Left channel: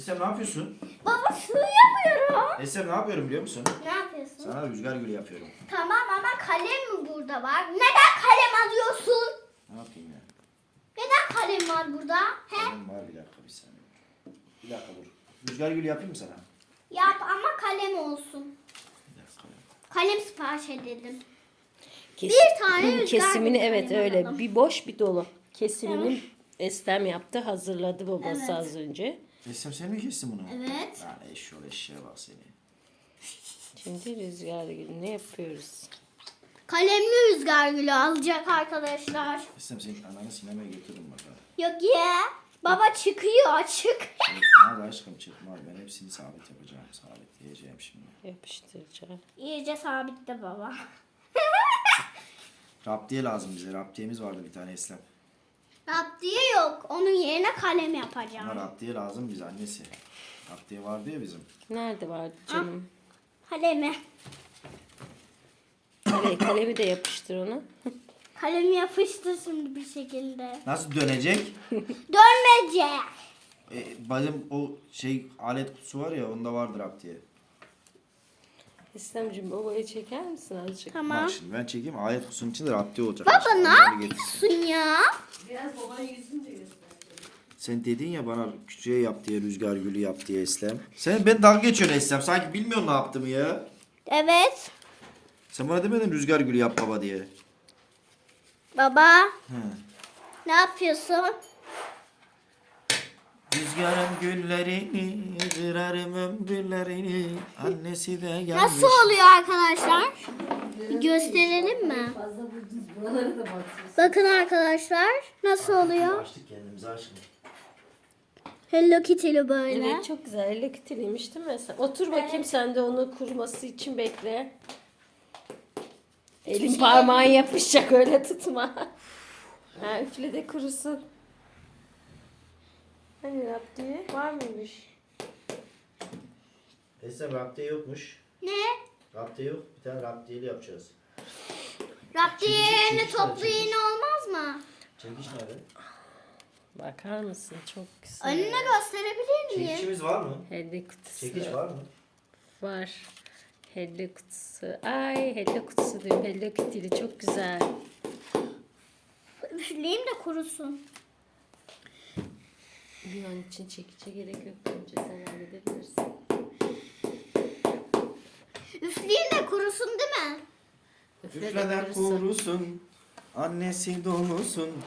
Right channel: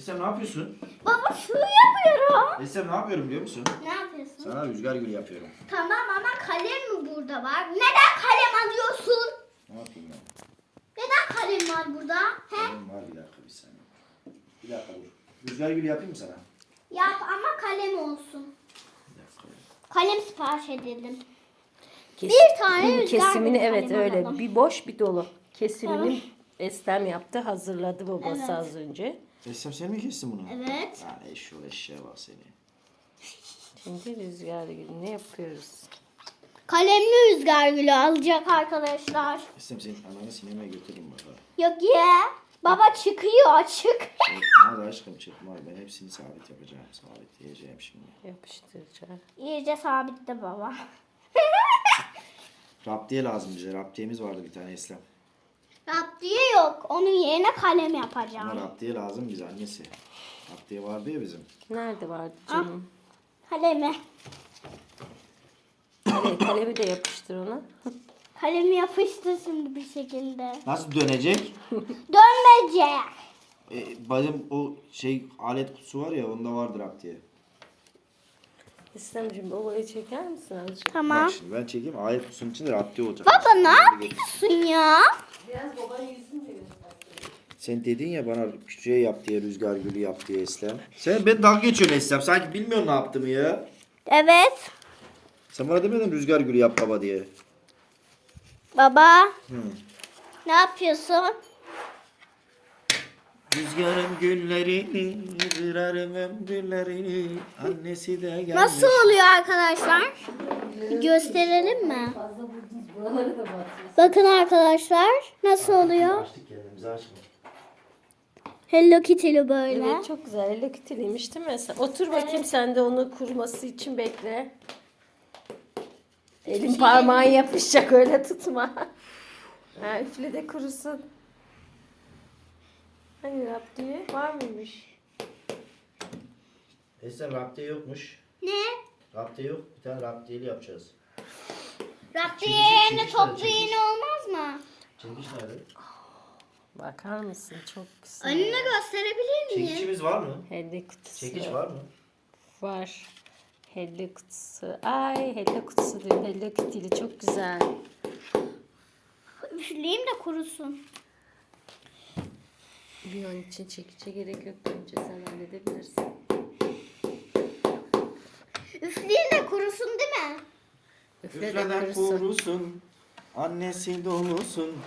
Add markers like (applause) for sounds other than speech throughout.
Eslem ne yapıyorsun? Baba su yapıyorum. Eslem ne yapıyorum biliyor musun? Ne yapıyorsun? Sana rüzgar gülü yapıyorum. Tamam ama kalem mi burada var? Neden kalem alıyorsun? Ne yapayım ya? Neden kalem var burada? He? Benim var bir dakika bir saniye. Bir dakika dur. Rüzgar gülü yapayım mı sana? Yap ama kalem olsun. Bir dakika. Kalem sipariş edelim. Kes- Bir tane rüzgar kesimini gülü evet alalım. öyle bir boş bir dolu. Kesimini Tamam. Estem yaptı hazırladı babası Evet. az önce. Eslem sen mi kestin bunu? Evet. Ya eşyol eşeğe bak seni. Şimdi rüzgar gülü ne yapıyoruz? Kalemli rüzgar gülü alacak arkadaşlar. Eslem senin ananı sinemaya götürürüm bak. Yok ya. Baba çıkıyor açık. Hadi aşkım çıkma. Ben hepsini sabit yapacağım. Sabit diyeceğim şimdi. Yapıştıracağım. İyice sabitle baba. Raptiye lazım bize. Raptiyemiz vardı bir tane Eslem. Raptiye yok. Onun yerine kalem Ama yapacağım. raptiye lazım bize annesi. Raptiye vardı ya bizim. Nerede vardı canım? Kalemi. Kale, kalemi de yapıştır ona. Kalemi yapıştı şimdi bir şekilde. Nasıl dönecek? (laughs) Dönmeyecek. E, bizim o şey alet kutusu var ya onda vardır raptiye. İstemciğim babayı çeker misin azıcık? Tamam. Bak şimdi ben çekeyim alet kutusunun içinde raptiye olacak. Baba ne yapıyorsun ya? Biraz babanın yüzünü de göster. Sen dedin ya bana küçüğe yap diye rüzgar gülü yap diye Eslem. Sen ben dalga geçiyorsun Eslem. Sanki bilmiyorsun ne yaptığımı ya. Evet. Sen bana demedin rüzgar gülü yap baba diye. Baba Hı. ne yapıyorsun? Rüzgarın güllerini, kırarım ömrlerini. Annesi de gelmiş. Nasıl oluyor arkadaşlar? Bir gösterelim mi? Bakın arkadaşlar nasıl oluyor? Açtık kendimizi açtık. Hello Kitty'li böyle. Evet çok güzel. Elle kütüleymiş değil mi? Sen otur bakayım sen de onu kuruması için bekle. Elin parmağın yapışacak öyle tutma. (laughs) ha, üfle de kurusun. Hani rap diye var mıymış? Eslem raptiye yokmuş. Ne? Raptiye yok. Bir tane raptiyeli yapacağız. Raptiye Çekiç, yerine toplu iğne olmaz mı? Çekiç nerede? Bakar mısın? Çok güzel. Önüne gösterebilir miyim? Çekiçimiz var mı? Helle kutusu. Çekiç var mı? Var. Helle kutusu. Ay helle kutusu diyorum. Helle kütüyle çok güzel. Üfleyeyim de kurusun. Bir an için çekice gerek yok. Bence sen halledebilirsin. Üfleyeyim de kurusun değil mi? Üfle de Üfleden kurusun. kurusun. Annesi dolusun. (laughs)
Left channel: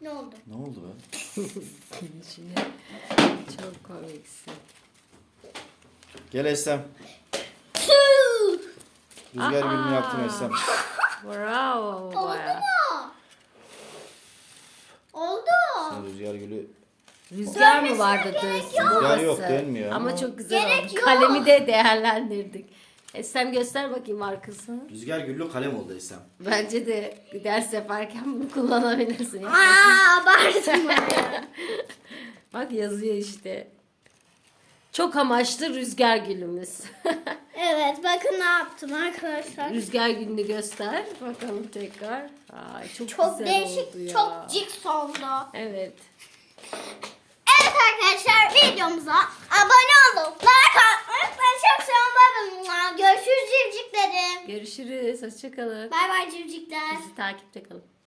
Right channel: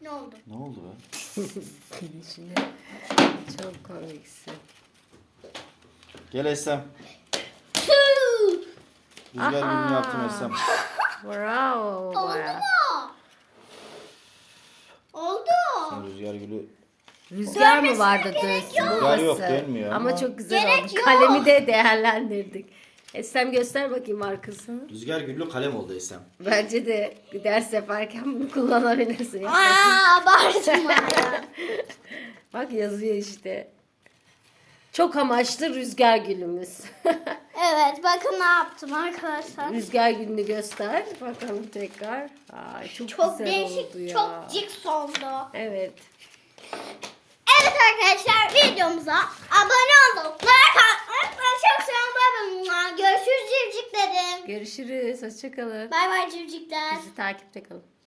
Ne oldu? Ne oldu lan? Gidişine. Çok komiksin. Gel Eslem. Rüzgar gülünü yaptın Eslem. Bravo Oldu mu? Oldu. Sen Rüzgar gülü Rüzgar mı vardı dönsün Rüzgar babası? yok, dönmüyor Ama, ama. çok güzel Gerek oldu. yok. Kalemi de değerlendirdik. Esem göster bakayım arkasını. Rüzgar güllü kalem oldu Eslem. Bence de ders yaparken bunu kullanabilirsin. Bakayım. Aa abartma ya. (laughs) Bak yazıyor işte. Çok amaçlı rüzgar gülümüz. (laughs) Evet bakın ne yaptım arkadaşlar. rüzgar gülünü göster. Bakalım tekrar. Ay, çok, Çok güzel değişik, oldu ya. çok ciks oldu. Evet. Evet arkadaşlar videomuza abone olup like atmayı ve çok seviyorum. Görüşürüz civciklerim. Görüşürüz. Hoşçakalın. Bay bay civcikler. Bizi takipte kalın.